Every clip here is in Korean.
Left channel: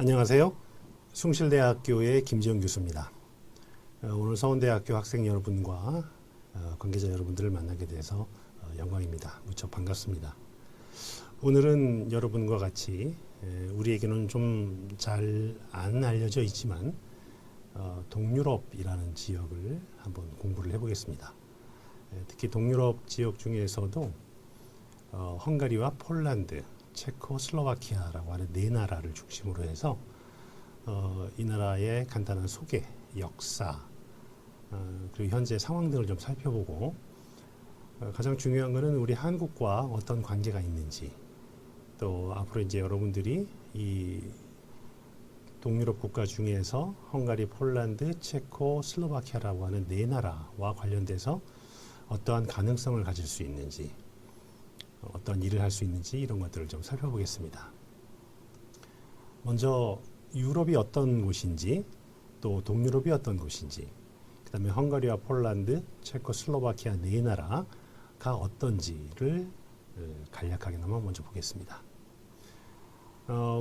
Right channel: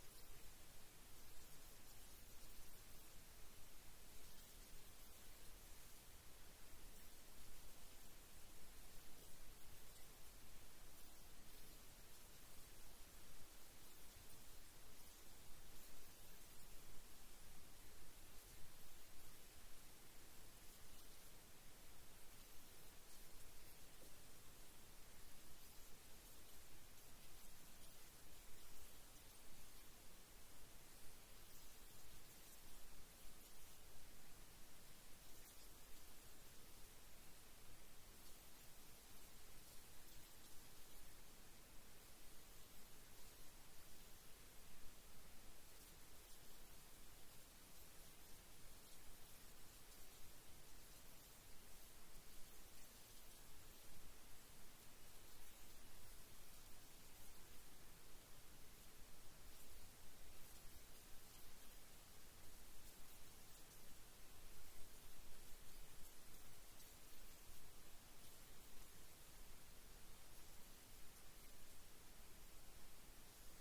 안녕하세요. 숭실대학교의 김지영 교수입니다. 오늘 서원대학교 학생 여러분과 관계자 여러분들을 만나게 돼서 영광입니다. 무척 반갑습니다. 오늘은 여러분과 같이 우리에게는 좀 잘 안 알려져 있지만 동유럽이라는 지역을 한번 공부를 해보겠습니다. 특히 동유럽 지역 중에서도 헝가리와 폴란드, 체코슬로바키아라고 하는 네 나라를 중심으로 해서 이 나라의 간단한 소개, 역사, 그리고 현재 상황 등을 좀 살펴보고 가장 중요한 것은 우리 한국과 어떤 관계가 있는지, 또 앞으로 이제 여러분들이 이 동유럽 국가 중에서 헝가리, 폴란드, 체코, 슬로바키아라고 하는 네 나라와 관련돼서 어떠한 가능성을 가질 수 있는지, 어떤 일을 할 수 있는지 이런 것들을 좀 살펴보겠습니다. 먼저 유럽이 어떤 곳인지, 또 동유럽이 어떤 곳인지, 그 다음에 헝가리와 폴란드, 체코, 슬로바키아 네 나라가 어떤지를 간략하게나마 먼저 보겠습니다.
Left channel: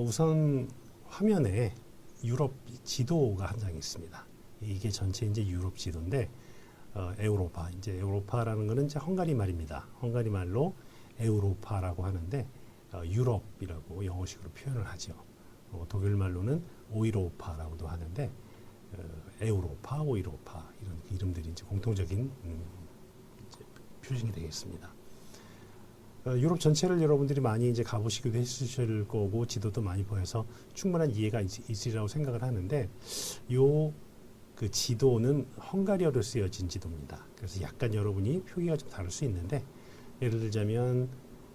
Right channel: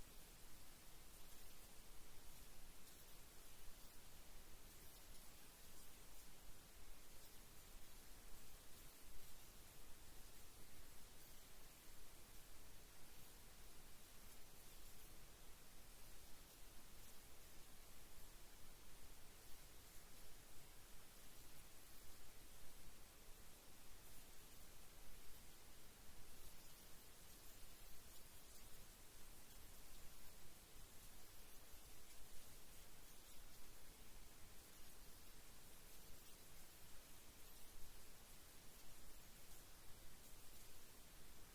우선 화면에 유럽 지도가 한 장 있습니다. 이게 전체 이제 유럽 지도인데 에우로파, 이제 에우로파라는 것은 이제 헝가리 말입니다. 헝가리 말로 에우로파라고 하는데 유럽이라고 영어식으로 표현을 하죠. 독일 말로는 오이로파라고도 하는데 에우로파, 오이로파 이런 이름들이 이제 공통적인 이제 표준이 되겠습니다. 유럽 전체를 여러분들이 많이 이제 가보시기도 했으실 거고 지도도 많이 보여서 충분한 이해가 있으리라고 생각을 하는데 그 지도는 헝가리어로 쓰여진 지도입니다. 그래서 약간 여러분이 표기가 좀 다를 수 있는데 예를 들자면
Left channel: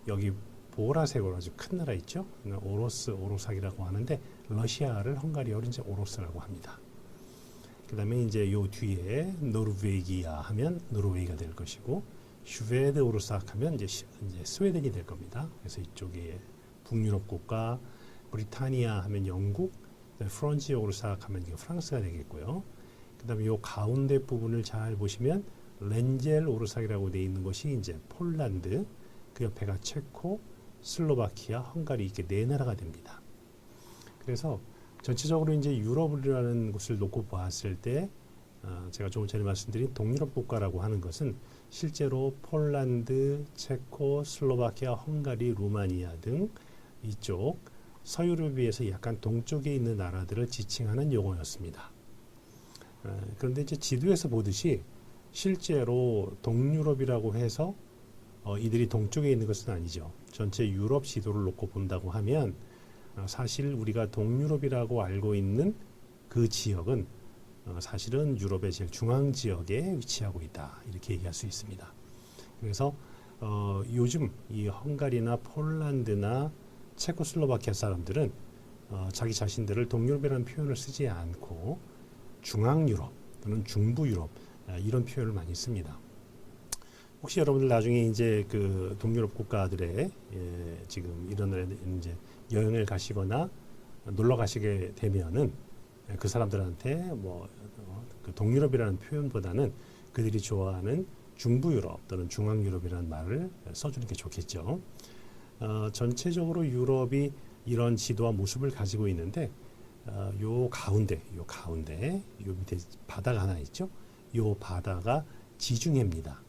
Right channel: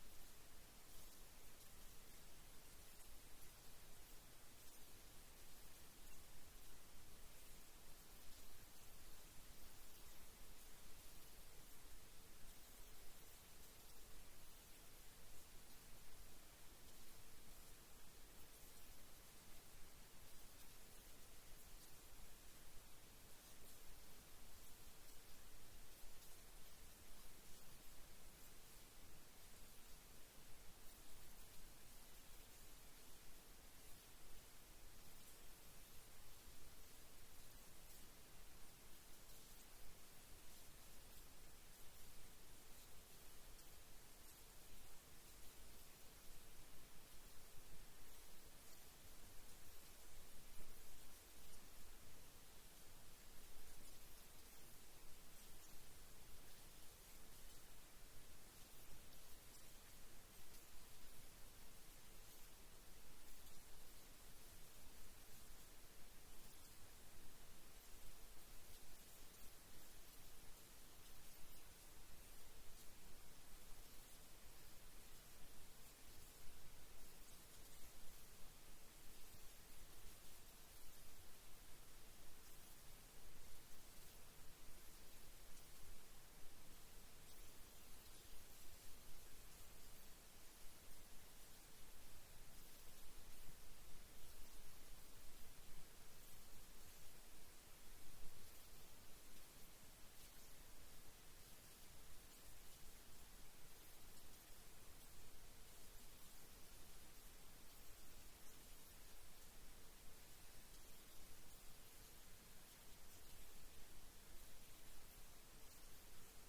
여기 보라색으로 아주 큰 나라 있죠? 오로삭이라고 하는데 러시아를 헝가리어로 이제 오로스라고 합니다. 그 다음에 이제 요 뒤에 노르웨기아 하면 노르웨이가 될 것이고 슈베드 오르삭 하면 이제 스웨덴이 될 겁니다. 그래서 이쪽에 북유럽 국가, 브리타니아 하면 영국, 프런지 오르삭 하면 이게 프랑스가 되겠고요. 그 다음에 요 가운데 부분을 잘 보시면 렌젤 오르삭이라고 되어 있는 것이 이제 폴란드, 그 옆에가 체코, 슬로바키아, 헝가리 이렇게 네 나라가 됩니다. 그래서 전체적으로 이제 유럽이라는 곳을 놓고 보았을 때 제가 조금 전에 말씀드린 동유럽 국가라고 하는 것은 실제로 폴란드, 체코, 슬로바키아, 헝가리, 루마니아 등 이쪽 서유럽에 비해서 약간 동쪽에 있는 나라들을 지칭하는 용어였습니다. 그런데 이제 지도에서 보듯이 실제로 동유럽이라고 해서 이들이 동쪽에 있는 것은 아니죠. 전체 유럽 지도를 놓고 본다고 하면 사실 우리가 동유럽이라고 알고 있는 그 지역은 사실은 유럽의 제일 중앙 지역에 위치하고 있다 이렇게 얘기할 수 있습니다. 그래서 요즘 이 헝가리나 폴란드나 체코슬로바키아 사람들은 자기 자신들을 동유럽이라는 표현을 쓰지 않고 중앙유럽 또는 중부유럽 이런 표현을 많이 씁니다. 혹시 여러분들 나중에 이제 그 동유럽 국가들의 지금 이런 이제 여행을 가시거나 놀러 가시게 되면은 그 사람들한테 그 동유럽이라는 표현보다는 그들이 좋아하는 중부유럽 또는 중앙유럽이라는 말을 써주는 게 좋겠죠. 전체적으로 유럽이 이런 지도와 모습을 가지고 있는데 요 가운데 요 밑에 바다가 하나 있죠. 요 바다가 지중해입니다.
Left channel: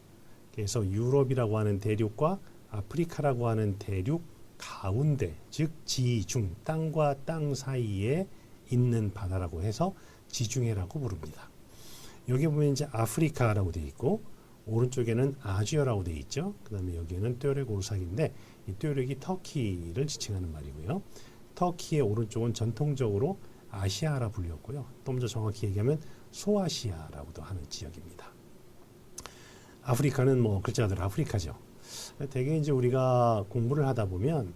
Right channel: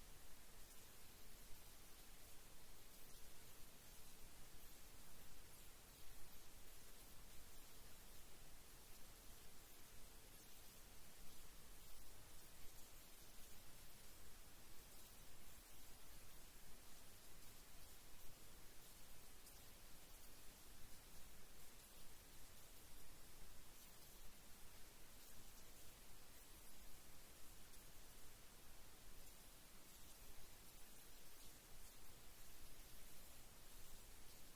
그래서 유럽이라고 하는 대륙과 아프리카라고 하는 대륙 가운데, 즉 지중, 땅과 땅 사이에 있는 바다라고 해서 지중해라고 부릅니다. 여기 보면 이제 아프리카라고 되어 있고 오른쪽에는 아시아라고 되어 있죠. 그 다음에 여기에는 뚜레 오르삭인데 이 뚜레이 터키를 지칭하는 말이고요. 터키의 오른쪽은 전통적으로 아시아라 불렸고요. 또 더 정확히 얘기하면 소아시아라고도 하는 지역입니다. 아프리카는 뭐 글자 그대로 아프리카죠. 대개 이제 우리가 공부를 하다 보면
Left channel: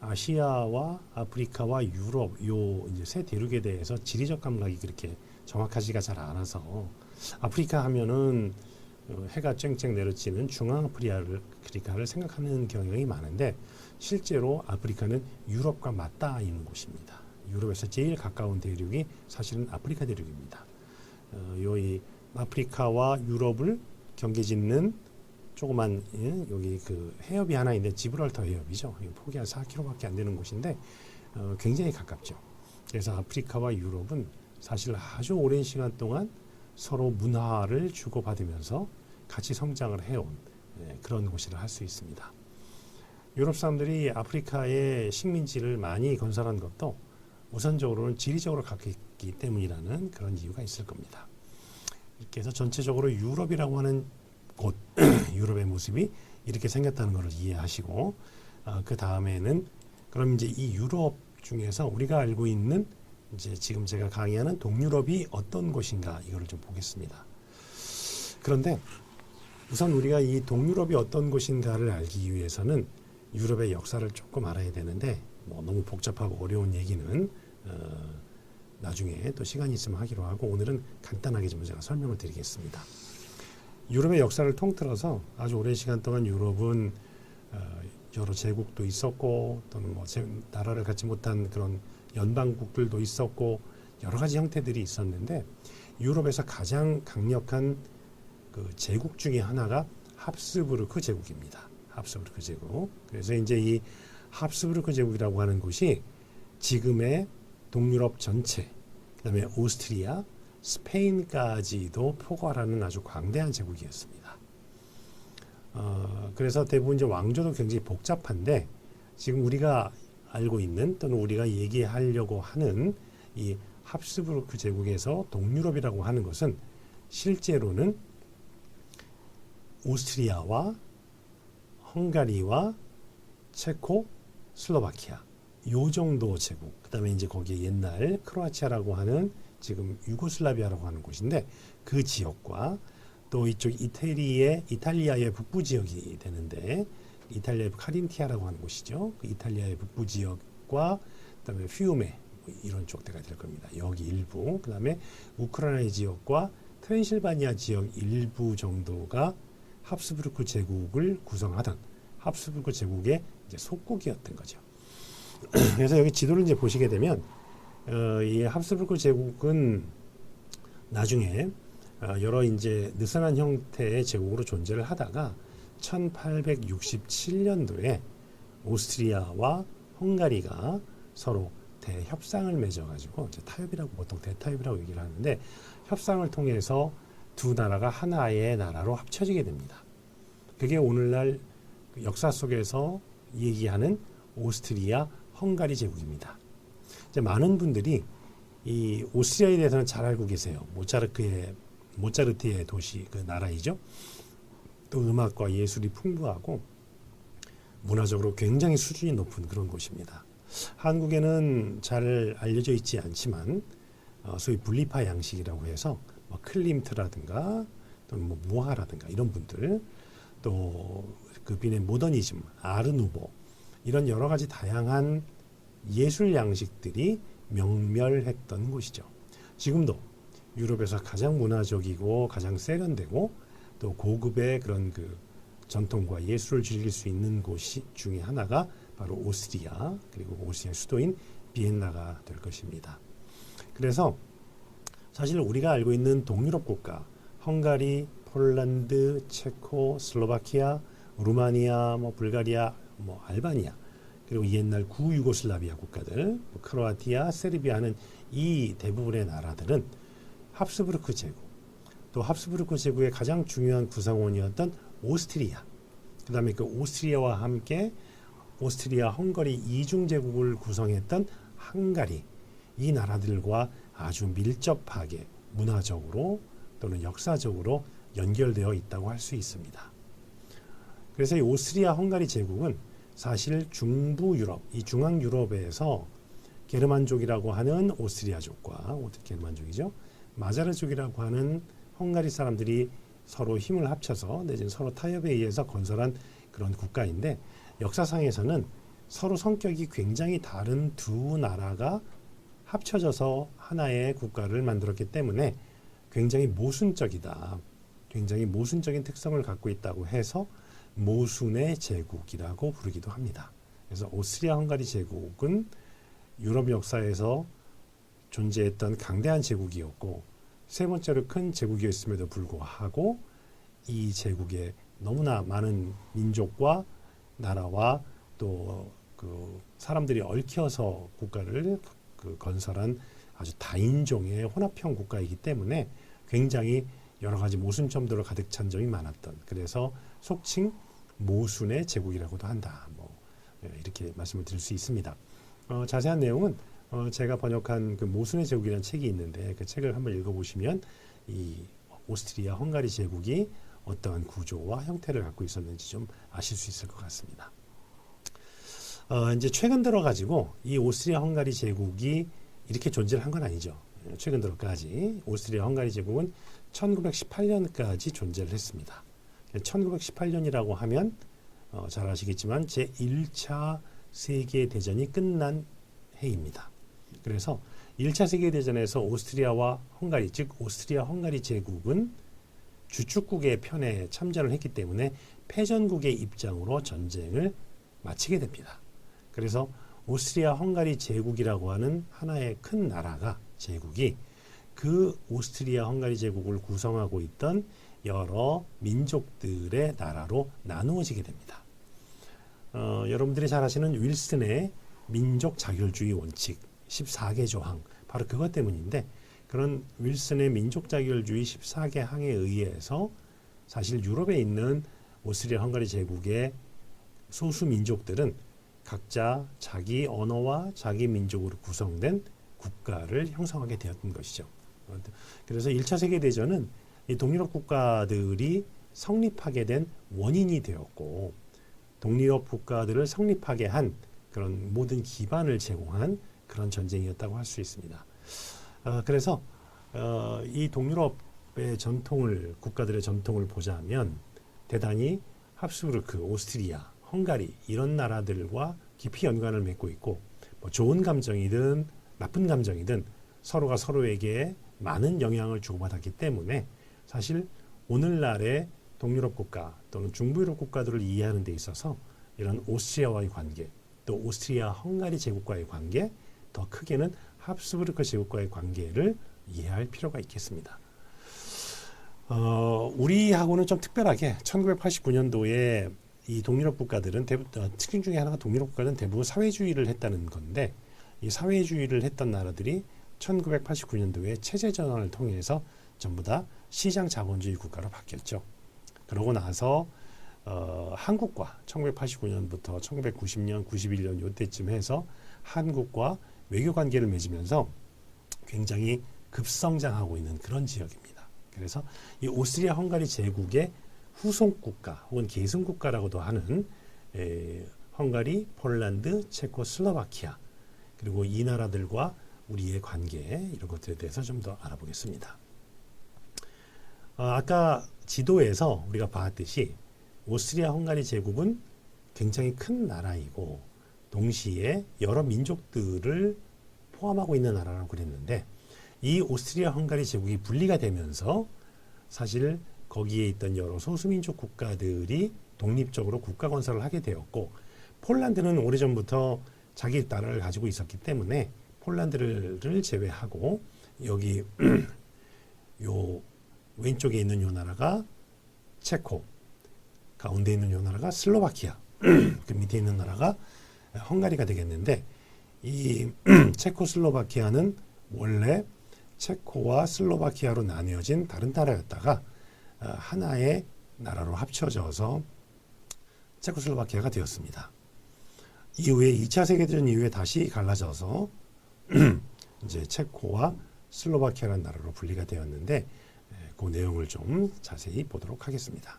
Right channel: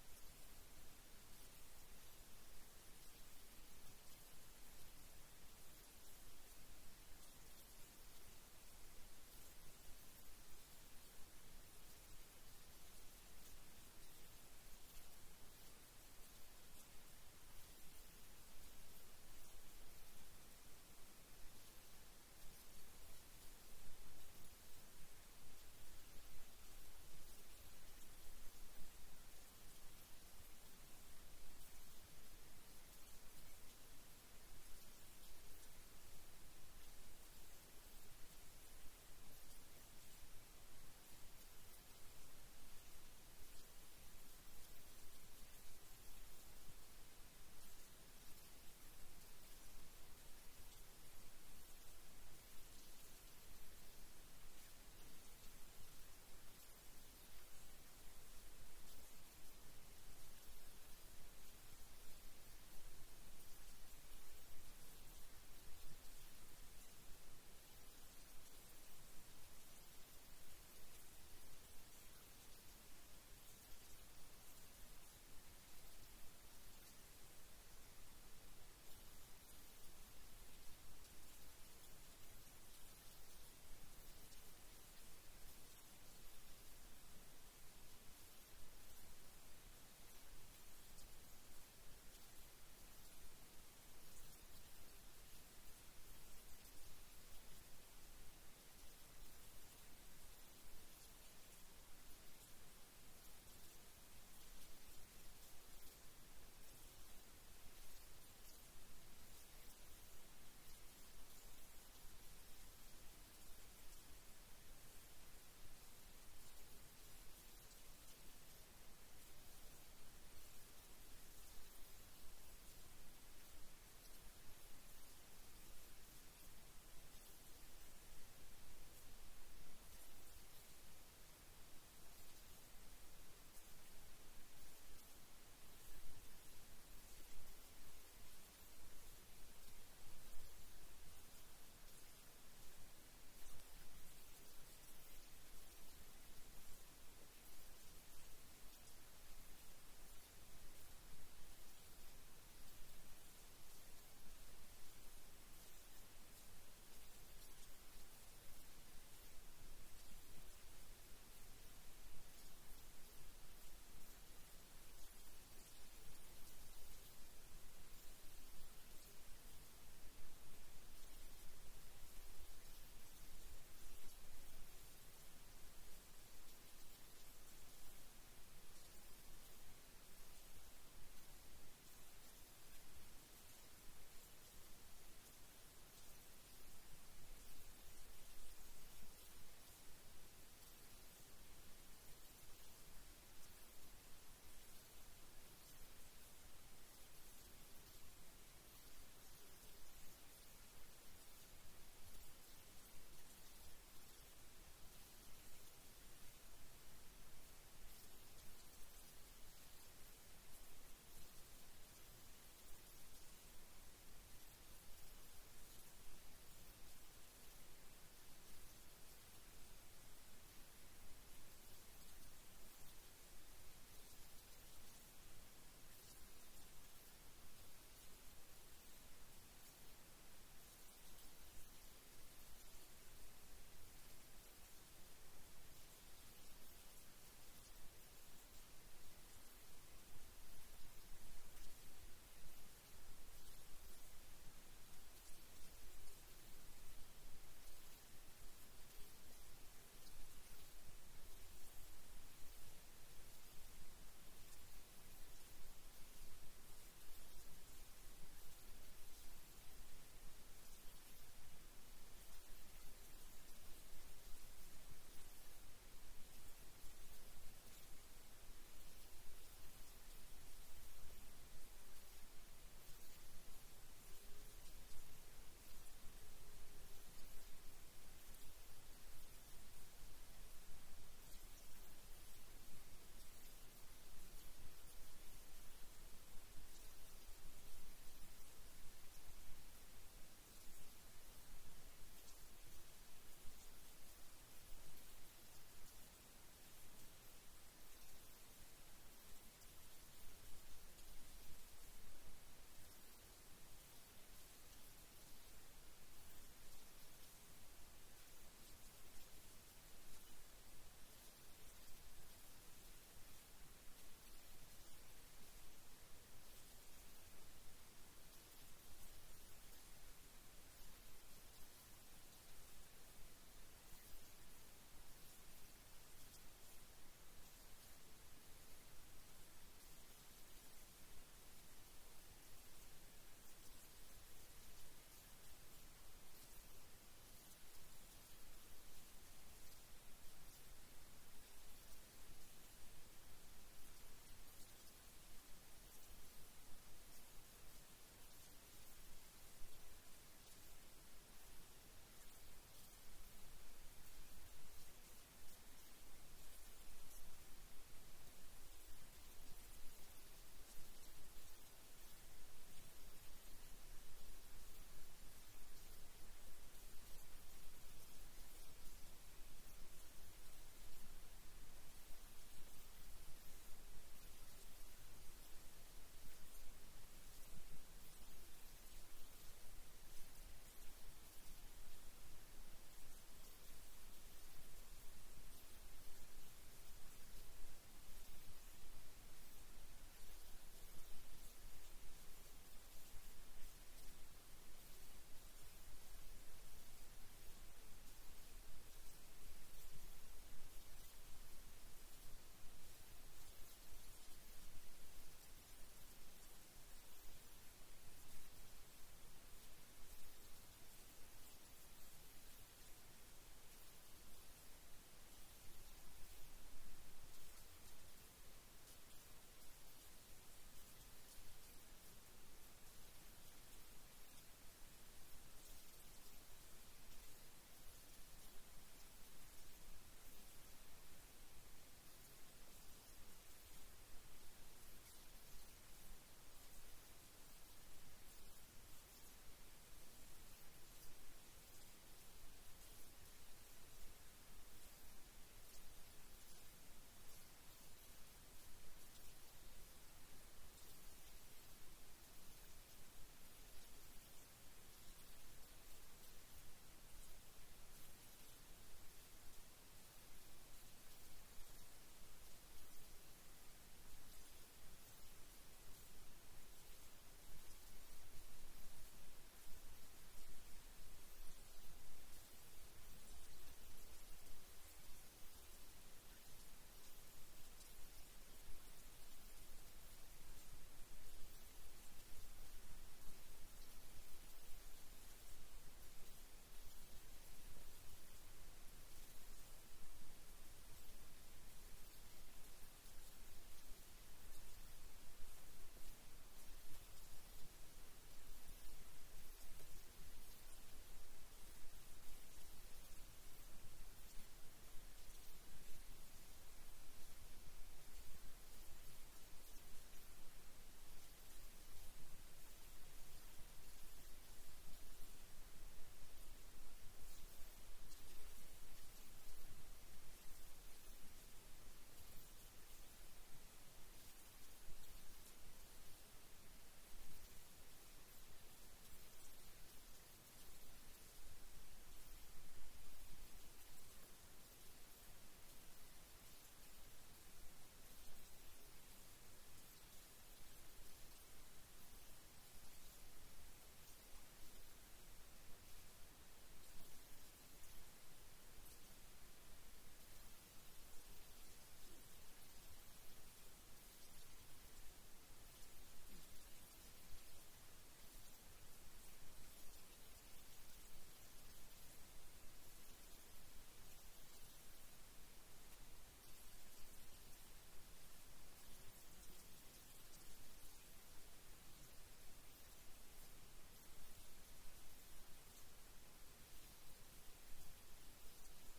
아시아와 아프리카와 유럽 요 이제 세 대륙에 대해서 지리적 감각이 그렇게 정확하지가 잘 않아서 아프리카 하면은 해가 쨍쨍 내려지는 중앙아프리카를 생각하는 경향이 많은데 실제로 아프리카는 유럽과 맞닿아 있는 곳입니다. 유럽에서 제일 가까운 대륙이 사실은 아프리카 대륙입니다. 이 아프리카와 유럽을 경계짓는 조그만 여기 그 해협이 하나 있는데 지브랄터 해협이죠. 폭이 한 4km밖에 안 되는 곳인데 굉장히 가깝죠. 그래서 아프리카와 유럽은 사실 아주 오랜 시간 동안 서로 문화를 주고받으면서 같이 성장을 해온 그런 곳이라 할 수 있습니다. 유럽 사람들이 아프리카의 식민지를 많이 건설한 것도 우선적으로는 지리적으로 가깝기 때문이라는 그런 이유가 있을 겁니다. 이렇게 해서 전체적으로 유럽이라고 하는 곳, 유럽의 모습이 이렇게 생겼다는 것을 이해하시고, 그 다음에는 그럼 이제 이 유럽 중에서 우리가 알고 있는 이제 지금 제가 강의하는 동유럽이 어떤 곳인가 이거를 좀 보겠습니다. 그런데 우선 우리가 이 동유럽이 어떤 곳인가를 알기 위해서는 유럽의 역사를 조금 알아야 되는데 뭐 너무 복잡하고 어려운 얘기는 나중에 또 시간이 있으면 하기로 하고 오늘은 간단하게 좀 제가 설명을 드리겠습니다. 유럽의 역사를 통틀어서 아주 오랜 시간 동안 유럽은 여러 제국도 있었고 또는 뭐 나라를 갖지 못한 그런 연방국들도 있었고 여러 가지 형태들이 있었는데 유럽에서 가장 강력한 그 제국 중에 하나가 합스부르크 제국입니다. 합스부르크 제국. 그래서 이제 이 합스부르크 제국이라고 하는 곳이 지금의 동유럽 전체, 그다음에 오스트리아, 스페인까지도 포괄하는 아주 광대한 제국이었습니다. 그래서 대부분 이제 왕조도 굉장히 복잡한데 지금 우리가 알고 있는 또는 우리가 얘기하려고 하는 이 합스부르크 제국에서 동유럽이라고 하는 것은 실제로는 오스트리아와 헝가리와 체코, 슬로바키아 요 정도 제국. 그다음에 이제 거기에 옛날 크로아티아라고 하는 지금 유고슬라비아라고 하는 곳인데 그 지역과 또 이쪽 이탈리아의 북부 지역이 되는데 이탈리아의 카린티아라고 하는 곳이죠. 그 이탈리아의 북부 지역과 그다음에 피우메 이런 쪽대가 될 겁니다. 여기 일부. 그다음에 우크라이나 지역과 트랜실바니아 지역 일부 정도가 합스부르크 제국을 구성하던 합스부르크 제국의 이제 속국이었던 거죠. 그래서 여기 지도를 이제 보시게 되면 이 합스부르크 제국은 나중에 여러 이제 느슨한 형태의 제국으로 존재를 하다가 1867년도에 오스트리아와 헝가리가 서로 대협상을 맺어가지고 타협이라고 보통 대타협이라고 얘기를 하는데 협상을 통해서 두 나라가 하나의 나라로 합쳐지게 됩니다. 그게 오늘날 역사 속에서 얘기하는 오스트리아 헝가리 제국입니다. 이제 많은 분들이 이 오스트리아에 대해서는 잘 알고 계세요. 모차르트의 도시 그 나라이죠. 또 음악과 예술이 풍부하고 문화적으로 굉장히 수준이 높은 그런 곳입니다. 한국에는 잘 알려져 있지 않지만 소위 분리파 양식이라고 해서 뭐 클림트라든가 또는 뭐 무하라든가 이런 분들 또 그 빈의 모더니즘, 아르누보 이런 여러 가지 다양한 예술 양식들이 명멸했던 곳이죠. 지금도 유럽에서 가장 문화적이고 가장 세련되고 또 고급의 그런 그 전통과 예술을 즐길 수 있는 곳이 중에 하나가 바로 오스트리아 그리고 오스트리아 수도인 비엔나가 될 것입니다. 그래서 사실 우리가 알고 있는 동유럽 국가 헝가리, 폴란드, 체코, 슬로바키아, 루마니아, 뭐 불가리아, 뭐 알바니아 그리고 옛날 구유고슬라비아 국가들 크로아티아, 세르비아는 이 대부분의 나라들은 합스부르크 제국 또 합스부르크 제국의 가장 중요한 구성원이었던 오스트리아 그 다음에 그 오스트리아와 함께 오스트리아, 헝가리 이중제국을 구성했던 헝가리 이 나라들과 아주 밀접하게 문화적으로 또는 역사적으로 연결되어 있다고 할 수 있습니다. 그래서 이 오스트리아 헝가리 제국은 사실 중부 유럽, 이 중앙 유럽에서 게르만족이라고 하는 오스트리아족과 게르만족이죠. 마자르족이라고 하는 헝가리 사람들이 서로 힘을 합쳐서 내지는 서로 타협에 의해서 건설한 그런 국가인데 역사상에서는 서로 성격이 굉장히 다른 두 나라가 합쳐져서 하나의 국가를 만들었기 때문에 굉장히 모순적이다. 굉장히 모순적인 특성을 갖고 있다고 해서 모순의 제국이라고 부르기도 합니다. 그래서 오스트리아 헝가리 제국은 유럽 역사에서 존재했던 강대한 제국이었고 세 번째로 큰 제국이었음에도 불구하고 이 제국에 너무나 많은 민족과 나라와 또 그 사람들이 얽혀서 국가를 그 건설한 아주 다인종의 혼합형 국가이기 때문에 굉장히 여러 가지 모순점들로 가득 찬 점이 많았던, 그래서 속칭 모순의 제국이라고도 한다. 이렇게 말씀을 드릴 수 있습니다. 자세한 내용은 제가 번역한 그 모순의 제국이라는 책이 있는데 그 책을 한번 읽어보시면 이 오스트리아 헝가리 제국이 어떠한 구조와 형태를 갖고 있었는지 좀 아실 수 있을 것 같습니다. 이제 최근 들어 가지고 이 오스트리아 헝가리 제국이 이렇게 존재를 한 건 아니죠. 최근 들어까지 오스트리아 헝가리 제국은 1918년까지 존재를 했습니다. 1918년이라고 하면 잘 아시겠지만 제1차 세계대전이 끝난 해입니다. 그래서 1차 세계대전에서 오스트리아와 헝가리, 즉 오스트리아 헝가리 제국은 주축국의 편에 참전을 했기 때문에 패전국의 입장으로 전쟁을 마치게 됩니다. 그래서 오스트리아 헝가리 제국이라고 하는 하나의 큰 나라가, 제국이 그 오스트리아 헝가리 제국을 구성하고 있던 여러 민족들의 나라로 나누어지게 됩니다. 여러분들이 잘 아시는 윌슨의 민족 자결주의 원칙 14개 조항, 바로 그것 때문인데, 그런 윌슨의 민족 자결주의 14개 항에 의해서 사실 유럽에 있는 오스트리아 헝가리 제국의 소수 민족들은 각자 자기 언어와 자기 민족으로 구성된 국가를 형성하게 되었던 것이죠. 그래서 1차 세계대전은 이 동유럽 국가들이 성립하게 된 원인이 되었고, 동유럽 국가들을 성립하게 한 그런 모든 기반을 제공한 그런 전쟁이었다고 할 수 있습니다. 그래서 이 동유럽의 전통을, 국가들의 전통을 보자면 대단히 합스부르크, 오스트리아, 헝가리 이런 나라들과 깊이 연관을 맺고 있고, 좋은 감정이든 나쁜 감정이든 서로가 서로에게 많은 영향을 주고받았기 때문에 사실 오늘날의 동유럽 국가 또는 중부유럽 국가들을 이해하는 데 있어서 이런 오스트리아와의 관계, 또 오스트리아 헝가리 제국과의 관계, 더 크게는 합스부르크 제국과의 관계를 이해할 필요가 있겠습니다. 우리하고는 좀 특별하게 1989년도에 이 동유럽 국가들은 특징 중에 하나가 동유럽 국가는 대부분 사회주의를 했다는 건데, 이 사회주의를 했던 나라들이 1989년도에 체제 전환을 통해서 전부 다 시장 자본주의 국가로 바뀌었죠. 그러고 나서 한국과 1989년부터 1990년, 91년 이때쯤 해서 한국과 외교 관계를 맺으면서 굉장히 급성장하고 있는 그런 지역입니다. 그래서 이 오스트리아 헝가리 제국의 후속 국가 혹은 계승 국가라고도 하는 헝가리, 폴란드, 체코, 슬로바키아, 그리고 이 나라들과 우리의 관계, 이런 것들에 대해서 좀 더 알아보겠습니다. 아까 지도에서 우리가 봤듯이 오스트리아 헝가리 제국은 굉장히 큰 나라이고 동시에 여러 민족들을 포함하고 있는 나라라고 그랬는데, 이 오스트리아 헝가리 제국이 분리가 되면서 사실 거기에 있던 여러 소수민족 국가들이 독립적으로 국가 건설을 하게 되었고, 폴란드는 오래전부터 자기 나라를 가지고 있었기 때문에 폴란드를 제외하고 여기 요 왼쪽에 있는 요 나라가 체코, 가운데 있는 요 나라가 슬로바키아, 그 밑에 있는 나라가 헝가리가 되겠는데, 이 체코슬로바키아는 원래 체코와 슬로바키아로 나뉘어진 다른 나라였다가 하나의 나라로 합쳐져서 체코슬로바키아가 되었습니다. 이후에 2차 세계대전 이후에 다시 갈라져서 이제 체코와 슬로바키아라는 나라로 분리가 되었는데, 그 내용을 좀 자세히 보도록 하겠습니다.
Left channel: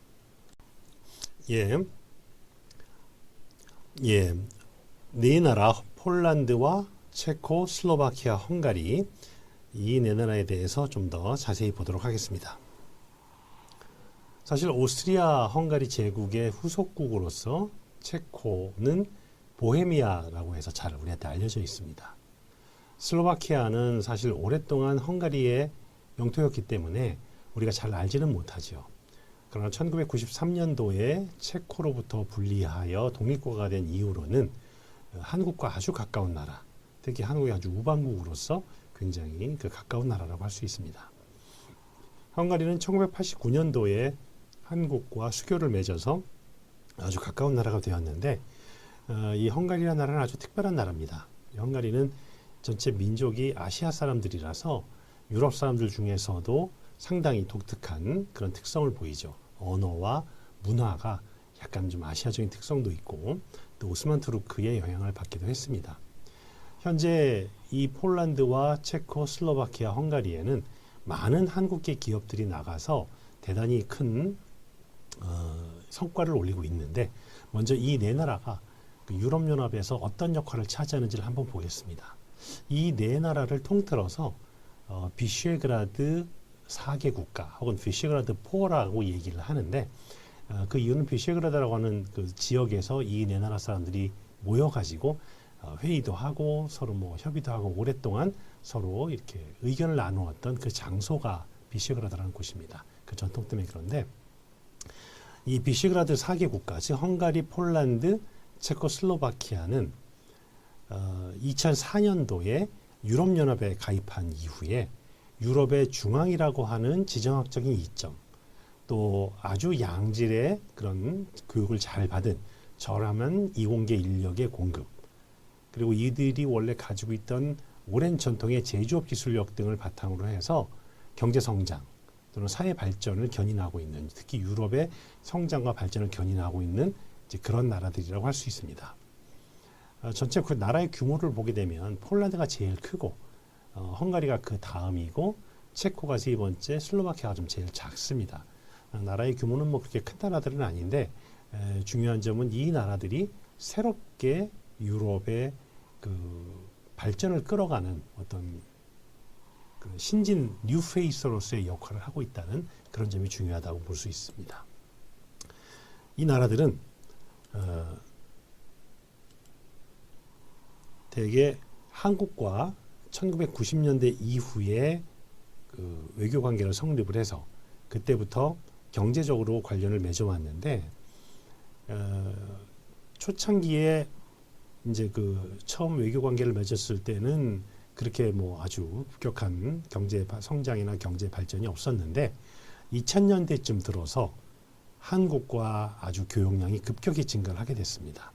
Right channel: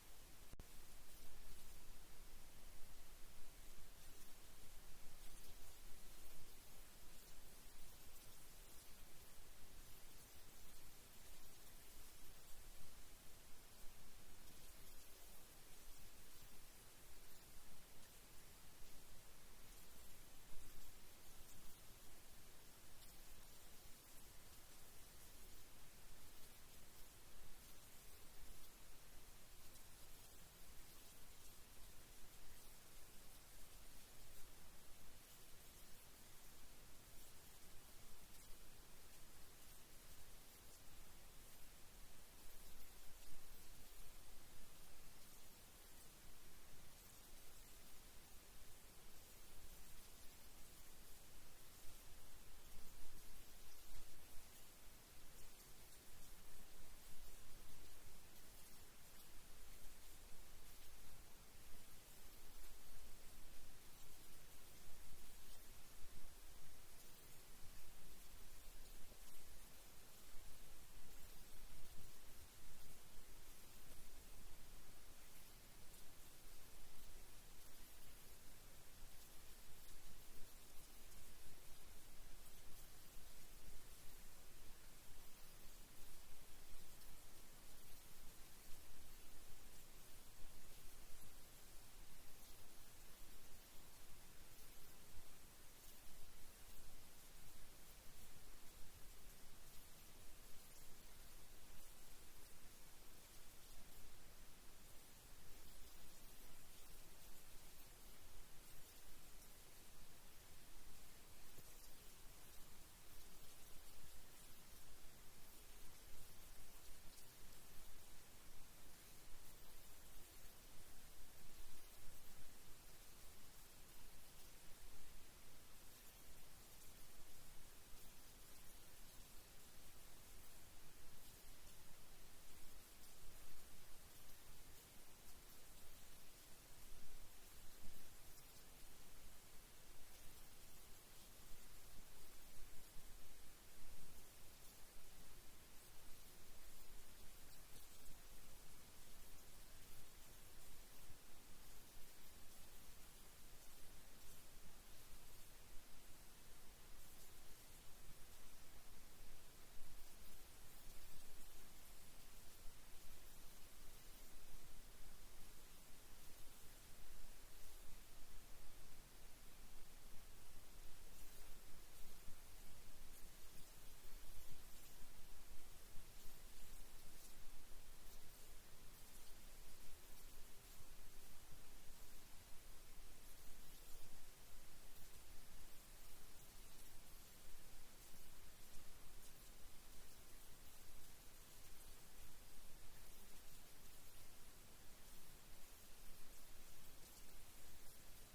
네 나라 폴란드와 체코, 슬로바키아, 헝가리, 이 네 나라에 대해서 좀 더 자세히 보도록 하겠습니다. 사실 오스트리아 헝가리 제국의 후속국으로서 체코는 보헤미아라고 해서 잘 우리한테 알려져 있습니다. 슬로바키아는 사실 오랫동안 헝가리의 영토였기 때문에 우리가 잘 알지는 못하죠. 그러나 1993년도에 체코로부터 분리하여 독립국가가 된 이후로는 한국과 아주 가까운 나라, 특히 한국의 아주 우방국으로서 굉장히 가까운 나라라고 할 수 있습니다. 헝가리는 1989년도에 한국과 수교를 맺어서 아주 가까운 나라가 되었는데, 이 헝가리라는 나라는 아주 특별한 나라입니다. 헝가리는 전체 민족이 아시아 사람들이라서 유럽 사람들 중에서도 상당히 독특한 그런 특성을 보이죠. 언어와 문화가 약간 좀 아시아적인 특성도 있고 또 오스만 투르크의 영향을 받기도 했습니다. 현재 이 폴란드와 체코, 슬로바키아, 헝가리에는 많은 한국계 기업들이 나가서 대단히 큰 성과를 올리고 있는데 먼저 이 네 나라가 그 유럽연합에서 어떤 역할을 차지하는지를 한번 보겠습니다. 이 네 나라를 통틀어서 비쉐그라드 4개 국가 혹은 비쉐그라드 4라고 얘기를 하는데 그 이유는 비쉐그라드라고 하는 그 지역에서 이 네 나라 사람들이 모여가지고 회의도 하고 서로 뭐 협의도 하고 오랫동안 서로 이렇게 의견을 나누었던 그 장소가 비쉐그라드라는 곳입니다. 그 전통 때문에 그런데 이 비쉐그라드 4개 국가, 즉 헝가리, 폴란드, 체코슬로바키아는 2004년도에 유럽연합에 가입한 이후에 유럽의 중앙이라고 하는 지정학적인 이점, 또 아주 양질의 그런 교육을 잘 받은 저렴한 이공계 인력의 공급, 그리고 이들이 원래 가지고 있던 오랜 전통의 제조업 기술력 등을 바탕으로 해서 경제 성장 또는 사회 발전을 견인하고 있는, 특히 유럽의 성장과 발전을 견인하고 있는 이제 그런 나라들이라고 할 수 있습니다. 전체 그 나라의 규모를 보게 되면 폴란드가 제일 크고 헝가리가 그 다음이고 체코가 세 번째, 슬로바키아가 좀 제일 작습니다. 나라의 규모는 뭐 그렇게 큰 나라들은 아닌데 중요한 점은 이 나라들이 새롭게 유럽의 그 발전을 끌어가는 어떤 그 신진 뉴페이스로서의 역할을 하고 있다는 그런 점이 중요하다고 볼 수 있습니다. 이 나라들은 대개 한국과 1990년대 이후에 그 외교 관계를 성립을 해서 그때부터 경제적으로 관련을 맺어왔는데 초창기에 이제 그 처음 외교 관계를 맺었을 때는 그렇게 뭐 아주 급격한 경제 성장이나 경제 발전이 없었는데 2000년대쯤 들어서 한국과 아주 교역량이 급격히 증가를 하게 됐습니다.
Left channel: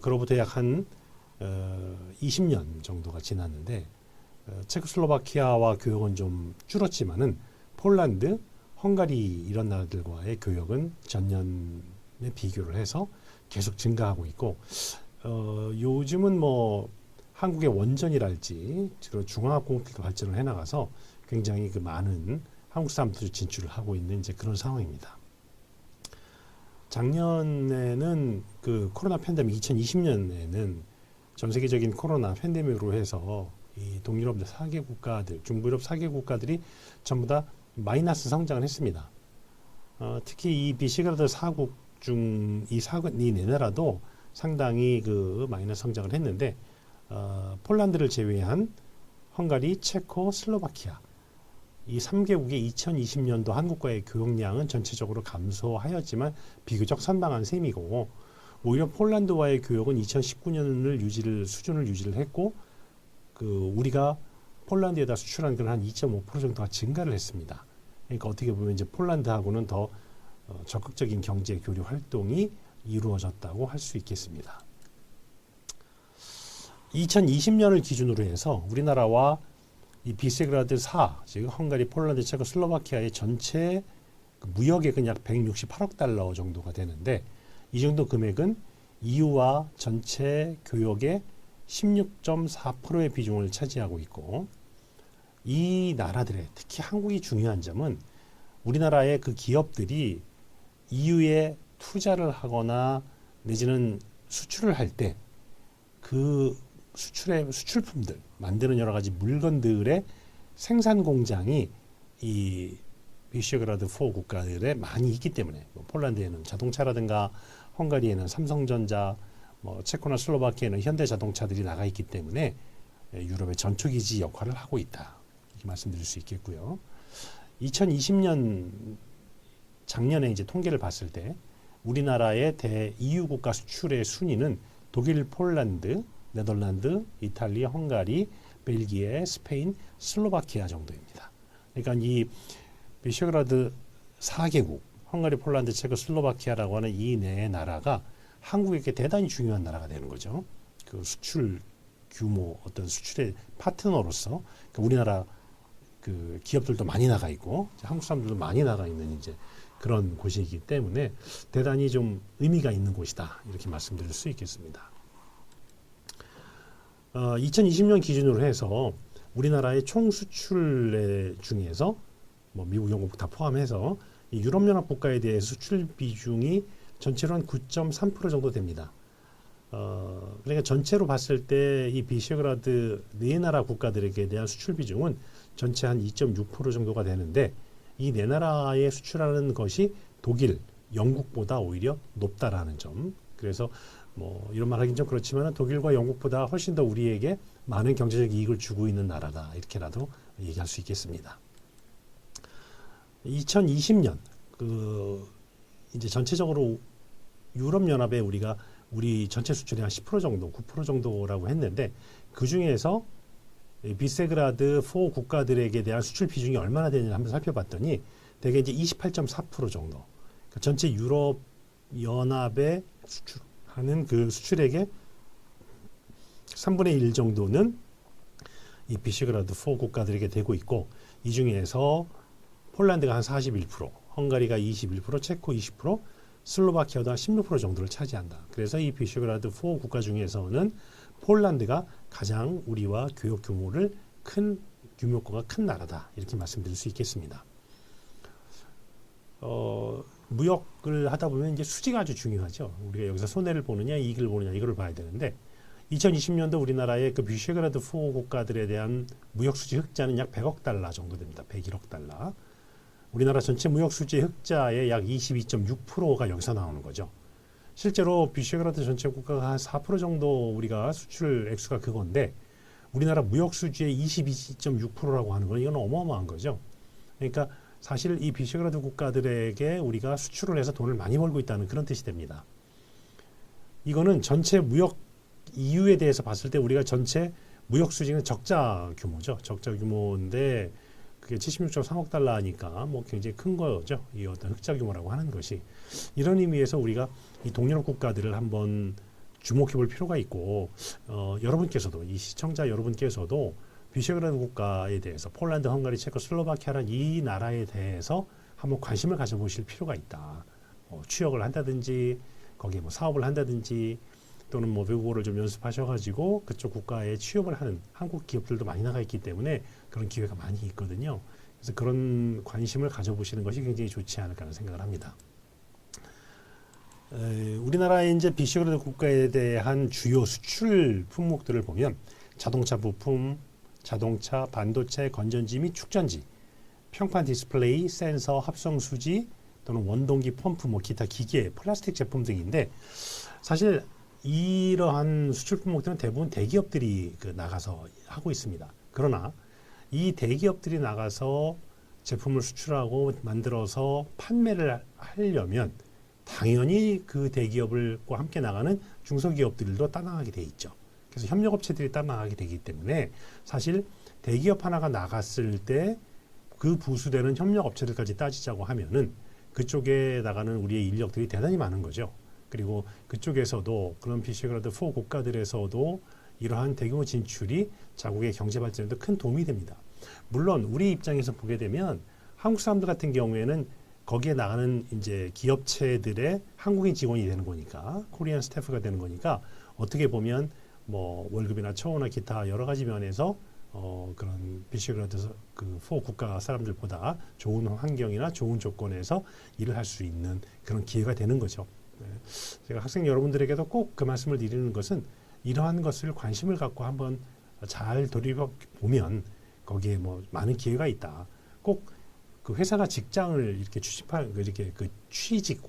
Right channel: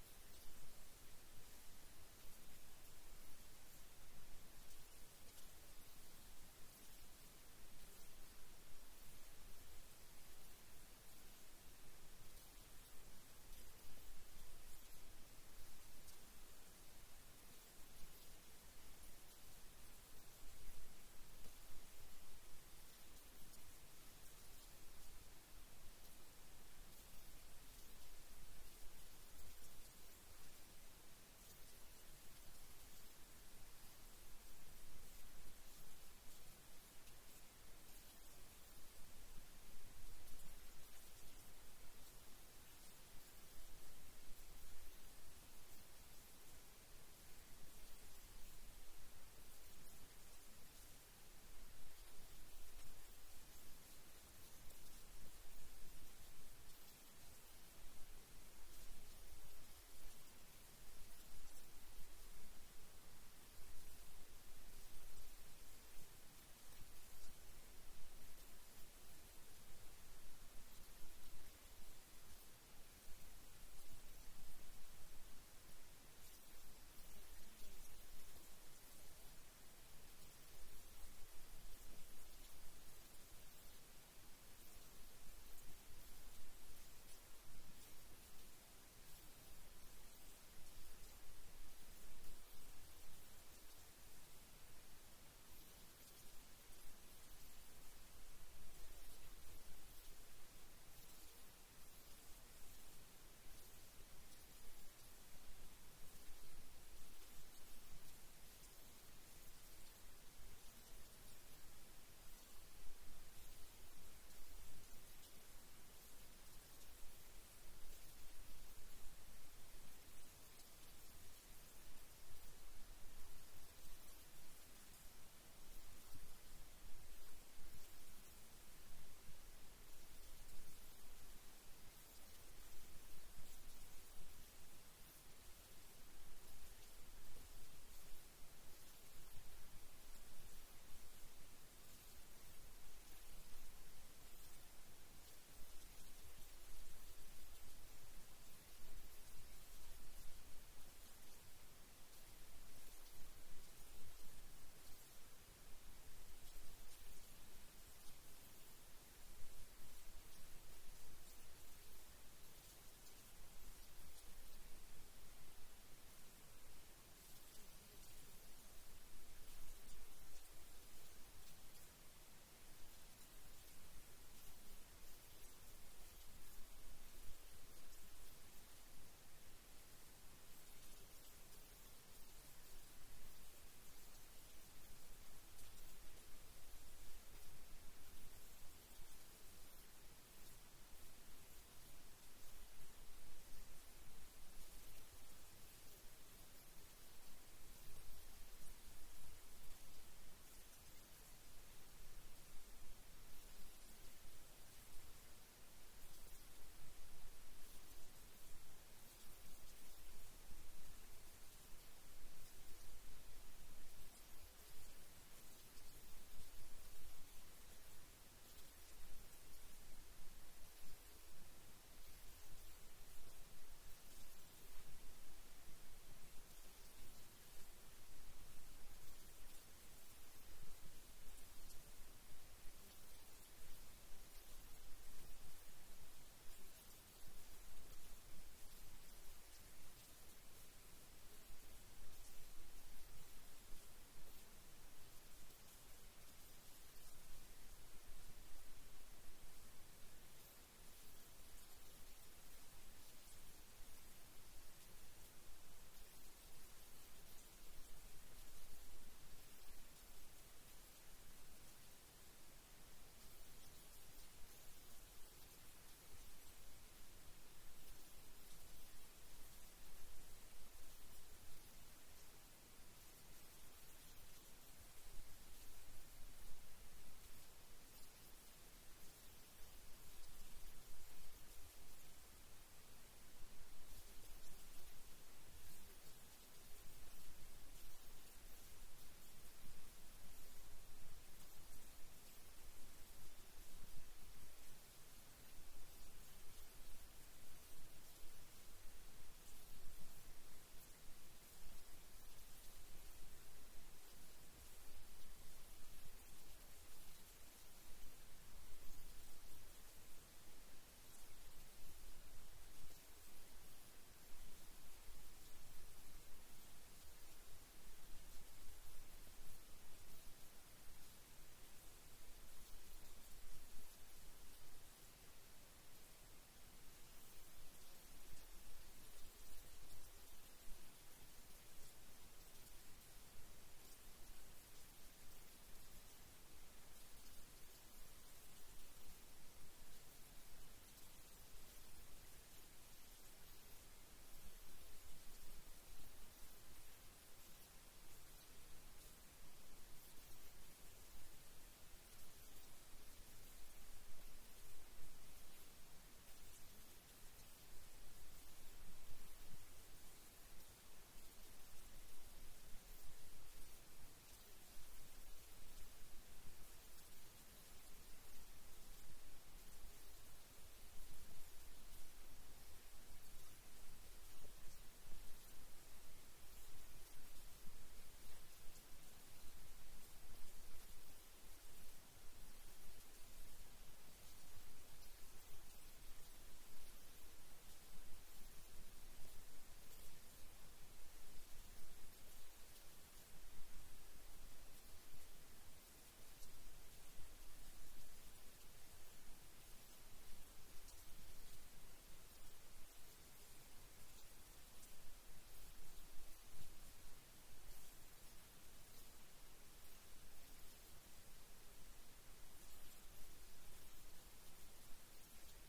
그로부터 약 한 20년 정도가 지났는데 체코슬로바키아와 교역은 좀 줄었지만은 폴란드, 헝가리 이런 나라들과의 교역은 전년에 비교를 해서 계속 증가하고 있고 요즘은 뭐 한국의 원전이랄지 주로 중화학공업도 발전을 해나가서 굉장히 그 많은 한국 사람들이 진출을 하고 있는 이제 그런 상황입니다. 작년에는 그 코로나 팬데믹 2020년에는 전 세계적인 코로나 팬데믹으로 해서 이 동유럽 4개 국가들, 중부유럽 4개 국가들이 전부 다 마이너스 성장을 했습니다. 특히 이 비시그라드 4국 중 이 네 나라도 상당히 그 마이너스 성장을 했는데 폴란드를 제외한 헝가리, 체코, 슬로바키아 이 3개국의 2020년도 한국과의 교역량은 전체적으로 감소하였지만 비교적 선방한 셈이고 오히려 폴란드와의 교역은 2019년을 수준을 유지를 했고 그 우리가 폴란드에다 수출한 건 한 2.5% 정도가 증가를 했습니다. 그러니까 어떻게 보면 이제 폴란드하고는 더 적극적인 경제 교류 활동이 이루어졌다고 할 수 있겠습니다. 2020년을 기준으로 해서 우리나라와 이 비세그라드 4, 즉 헝가리, 폴란드, 체코, 슬로바키아의 전체 무역액은 약 168억 달러 정도가 되는데 이 정도 금액은 EU와 전체 교역의 16.4%의 비중을 차지하고 있고 이 나라들의 특히 한국이 중요한 점은 우리나라의 그 기업들이 EU에 투자를 하거나 내지는 수출을 할 때 그 수출의 수출품들 만드는 여러 가지 물건들의 생산 공장이 이 비쉐그라드 4 국가들에 많이 있기 때문에 뭐 폴란드에는 자동차라든가 헝가리에는 삼성전자, 뭐 체코나 슬로바키아에는 현대자동차들이 나가 있기 때문에 유럽의 전초기지 역할을 하고 있다 이렇게 말씀드릴 수 있겠고요. 2020년 작년에 이제 통계를 봤을 때 우리나라의 대 EU 국가 수출의 순위는 독일, 폴란드, 네덜란드, 이탈리아, 헝가리, 벨기에, 스페인, 슬로바키아 정도입니다. 그러니까 이 비쉐그라드 4개국, 헝가리, 폴란드, 체코, 슬로바키아라고 하는 이 네 나라가 한국에게 대단히 중요한 나라가 되는 거죠. 그 수출 규모 어떤 수출의 파트너로서 그러니까 우리나라 그 기업들도 많이 나가 있고 한국 사람들도 많이 나가 있는 이제 그런 곳이기 때문에 대단히 좀 의미가 있는 곳이다 이렇게 말씀드릴 수 있겠습니다. 2020년 기준으로 해서 우리나라의 총 수출의 중에서 뭐 미국, 영국 다 포함해서 이 유럽연합 국가에 대해 수출 비중이 전체로 한 9.3% 정도 됩니다. 그러니까 전체로 봤을 때 이 비셰그라드 네 나라 국가들에게 대한 수출 비중은 전체 한 2.6% 정도가 되는데 이 네 나라에 수출하는 것이 독일, 영국보다 오히려 높다라는 점. 그래서 뭐 이런 말 하긴 좀 그렇지만 독일과 영국보다 훨씬 더 우리에게 많은 경제적 이익을 주고 있는 나라다 이렇게라도 얘기할 수 있겠습니다. 2020년 그 이제 전체적으로 유럽연합에 우리 전체 수출이 한 10% 정도, 9% 정도라고 했는데 그 중에서 비세그라드 4 국가들에게 대한 수출 비중이 얼마나 되는지 한번 살펴봤더니 대개 이제 28.4% 정도. 그러니까 전체 유럽 연합에 수출하는 그 수출액의 3분의 1 정도는 이 비세그라드 4 국가들에게 되고 있고 이 중에서 폴란드가 한 41%, 헝가리가 21%, 체코 20%, 슬로바키아도 한 16% 정도를 차지한다. 그래서 이 비세그라드 4 국가 중에서는 폴란드가 가장 우리와 교역 규모가 큰 나라다. 이렇게 말씀드릴 수 있겠습니다. 무역을 하다 보면 이제 수지가 아주 중요하죠. 우리가 여기서 손해를 보느냐, 이익을 보느냐 이거를 봐야 되는데 2020년도 우리나라의 그 비세그라드 4 국가들에 대한 무역 수지 흑자는 약 100억 달러 정도 됩니다. 101억 달러. 우리나라 전체 무역 수지 흑자의 약 22.6%가 여기서 나오는 거죠. 실제로 비세그라드 전체 국가가 한 4% 정도 우리가 수출 액수가 그건데 우리나라 무역 수지의 22.6%라고 하는 건 이건 어마어마한 거죠. 그러니까 사실 이 비세그라드 국가들에게 우리가 수출을 해서 돈을 많이 벌고 있다는 그런 뜻이 됩니다. 이거는 전체 무역 EU에 대해서 봤을 때 우리가 전체 무역 수지는 적자 규모죠. 적자 규모인데 그게 76.3억 달러니까 뭐 굉장히 큰 거죠. 이 어떤 흑자 규모라고 하는 것이 이런 의미에서 우리가 이 동유럽 국가들을 한번 주목해 볼 필요가 있고 여러분께서도 이 시청자 여러분께서도 비세그라드 국가에 대해서 폴란드, 헝가리, 체코, 슬로바키아라는 이 나라에 대해서 한번 관심을 가져보실 필요가 있다. 취역을 한다든지 거기에 뭐 사업을 한다든지 또는 뭐 외국어를 좀 연습하셔가지고 그쪽 국가에 취업을 하는 한국 기업들도 많이 나가 있기 때문에 그런 기회가 많이 있거든요. 그래서 그런 관심을 가져보시는 것이 굉장히 좋지 않을까 하는 생각을 합니다. 우리나라의 이제 비세그라드 국가에 대한 주요 수출 품목들을 보면 자동차 부품, 자동차, 반도체, 건전지 및 축전지, 평판 디스플레이, 센서, 합성 수지 또는 원동기 펌프, 뭐 기타 기계, 플라스틱 제품 등인데 사실 이러한 수출 품목들은 대부분 대기업들이 나가서 하고 있습니다. 그러나 이 대기업들이 나가서 제품을 수출하고 만들어서 판매를 하려면 당연히 그 대기업과 함께 나가는 중소기업들도 따라가게 돼 있죠. 그래서 협력업체들이 따라가게 되기 때문에 사실 대기업 하나가 나갔을 때 그 부수되는 협력업체들까지 따지자고 하면은 그쪽에 나가는 우리의 인력들이 대단히 많은 거죠. 그리고 그쪽에서도 그런 비세그라드 4 국가들에서도 이러한 대규모 진출이 자국의 경제 발전에도 큰 도움이 됩니다. 물론 우리 입장에서 보게 되면 한국 사람들 같은 경우에는 거기에 나가는 이제 기업체들의 한국인 직원이 되는 거니까 코리안 스태프가 되는 거니까 어떻게 보면 뭐 월급이나 처우나 기타 여러 가지 면에서 그런 비세그라드 그 4 국가 사람들보다 좋은 환경이나 좋은 조건에서 일을 할 수 있는 그런 기회가 되는 거죠. 제가 학생 여러분들에게도 꼭 그 말씀을 드리는 것은 이러한 것을 관심을 갖고 한번 잘 돌이켜 보면 거기에 뭐 많은 기회가 있다. 꼭 그 회사나 직장을 이렇게 이렇게 그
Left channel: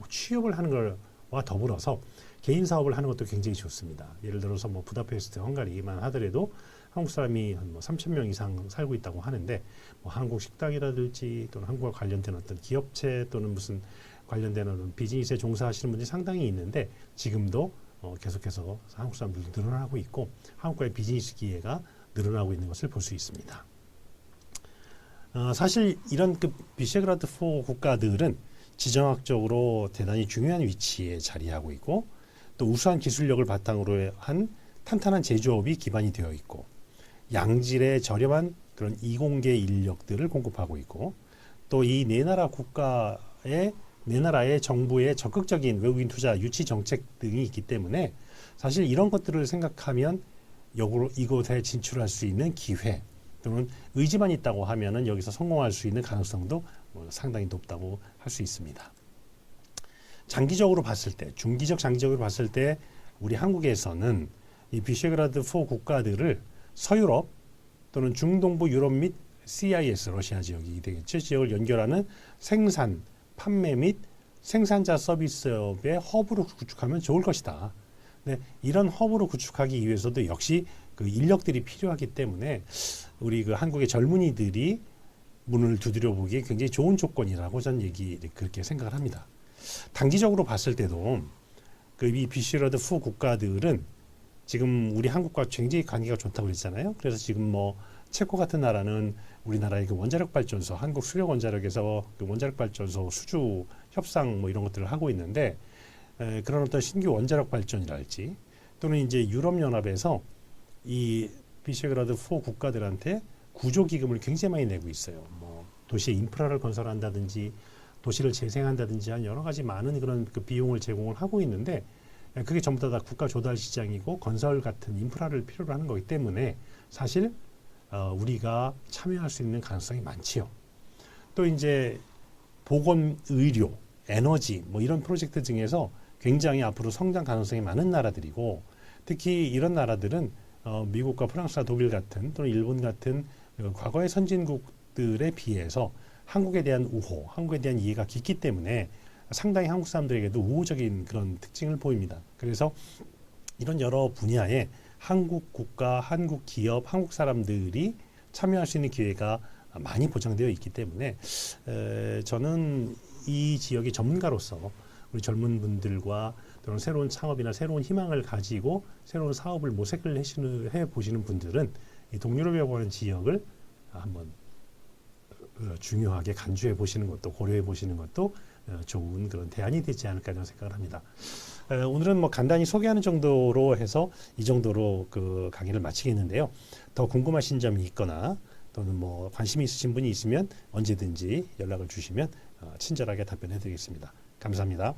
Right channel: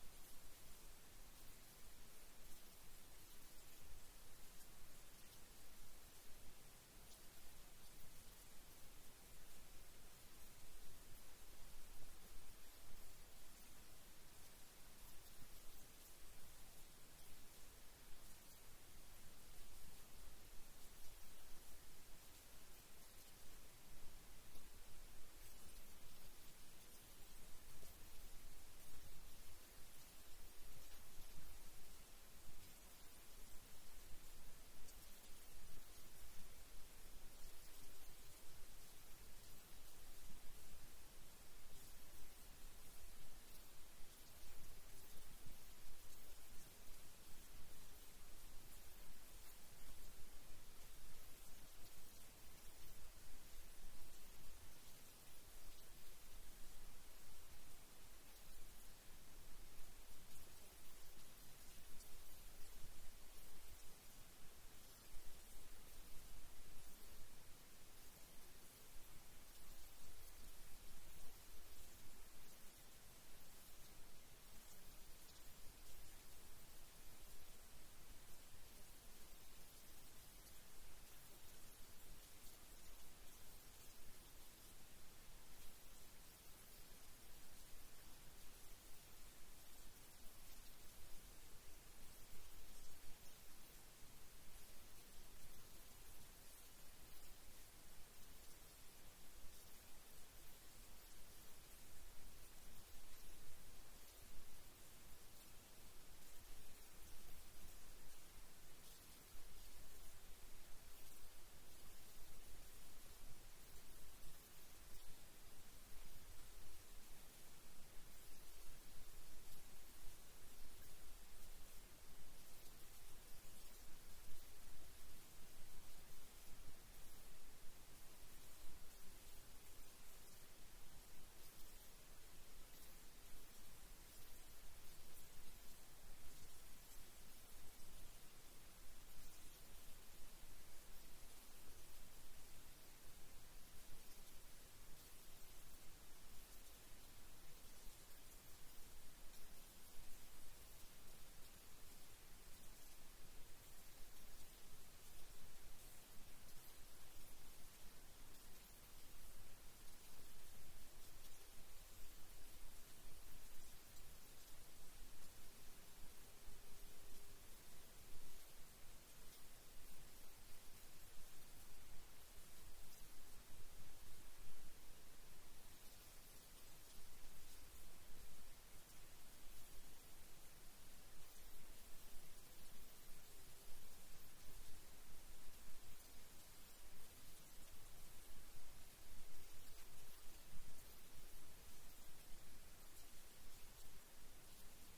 취업을 하는 것과 더불어서 개인 사업을 하는 것도 굉장히 좋습니다. 예를 들어서 뭐 부다페스트, 헝가리만 하더라도 한국 사람이 한 뭐 3,000명 이상 살고 있다고 하는데 뭐 한국 식당이라든지 또는 한국과 관련된 어떤 기업체 또는 무슨 관련된 어떤 비즈니스에 종사하시는 분들이 상당히 있는데 지금도 계속해서 한국 사람들도 늘어나고 있고 한국과의 비즈니스 기회가 늘어나고 있는 것을 볼 수 있습니다. 사실 이런 그 비세그라드 4 국가들은 지정학적으로 대단히 중요한 위치에 자리하고 있고 또 우수한 기술력을 바탕으로 한 탄탄한 제조업이 기반이 되어 있고 양질의 저렴한 그런 이공계 인력들을 공급하고 있고 또 이 네 나라의 정부의 적극적인 외국인 투자 유치 정책 등이 있기 때문에 사실 이런 것들을 생각하면 이곳에 진출할 수 있는 기회 또는 의지만 있다고 하면은 여기서 성공할 수 있는 가능성도 상당히 높다고 할 수 있습니다. 장기적으로 봤을 때, 장기적으로 봤을 때 우리 한국에서는 이 비셰그라드 4 국가들을 서유럽 또는 중동부 유럽 및 CIS 러시아 지역이 되겠죠. 지역을 연결하는 생산, 판매 및 생산자 서비스업의 허브로 구축하면 좋을 것이다. 네, 이런 허브로 구축하기 위해서도 역시 그 인력들이 필요하기 때문에 우리 그 한국의 젊은이들이 문을 두드려 보기에 굉장히 좋은 조건이라고 저는 그렇게 생각을 합니다. 단기적으로 봤을 때도 그 이 비시러드 4 국가들은 지금 우리 한국과 굉장히 관계가 좋다고 그랬잖아요. 그래서 지금 뭐 체코 같은 나라는 우리나라의 그 원자력 발전소, 한국 수력 원자력에서 그 원자력 발전소 수주 협상 뭐 이런 것들을 하고 있는데 그런 어떤 신규 원자력 발전이랄지 또는 이제 유럽 연합에서 이 비셰그라드 4 국가들한테 구조 기금을 굉장히 많이 내고 있어요. 뭐 도시의 인프라를 건설한다든지 도시를 재생한다든지 한 여러 가지 많은 그런 그 비용을 제공을 하고 있는데 그게 전부 다 국가 조달 시장이고 건설 같은 인프라를 필요로 하는 거기 때문에 사실 우리가 참여할 수 있는 가능성이 많지요. 또 이제 보건, 의료, 에너지 뭐 이런 프로젝트 중에서 굉장히 앞으로 성장 가능성이 많은 나라들이고 특히 이런 나라들은 미국과 프랑스와 독일 같은 또는 일본 같은 과거의 선진국들에 비해서 한국에 대한 우호, 한국에 대한 이해가 깊기 때문에 상당히 한국 사람들에게도 우호적인 그런 특징을 보입니다. 그래서 이런 여러 분야에 한국 국가, 한국 기업, 한국 사람들이 참여할 수 있는 기회가 많이 보장되어 있기 때문에 저는 이 지역의 전문가로서 우리 젊은 분들과 또는 새로운 창업이나 새로운 희망을 가지고 새로운 사업을 모색을 해 보시는 분들은 이 동유럽이라고 하는 지역을 한번 중요하게 간주해 보시는 것도 고려해 보시는 것도 좋은 그런 대안이 되지 않을까 저는 생각을 합니다. 오늘은 뭐 간단히 소개하는 정도로 해서 이 정도로 그 강의를 마치겠는데요. 더 궁금하신 점이 있거나 또는 뭐 관심이 있으신 분이 있으면 언제든지 연락을 주시면 친절하게 답변해 드리겠습니다. 감사합니다.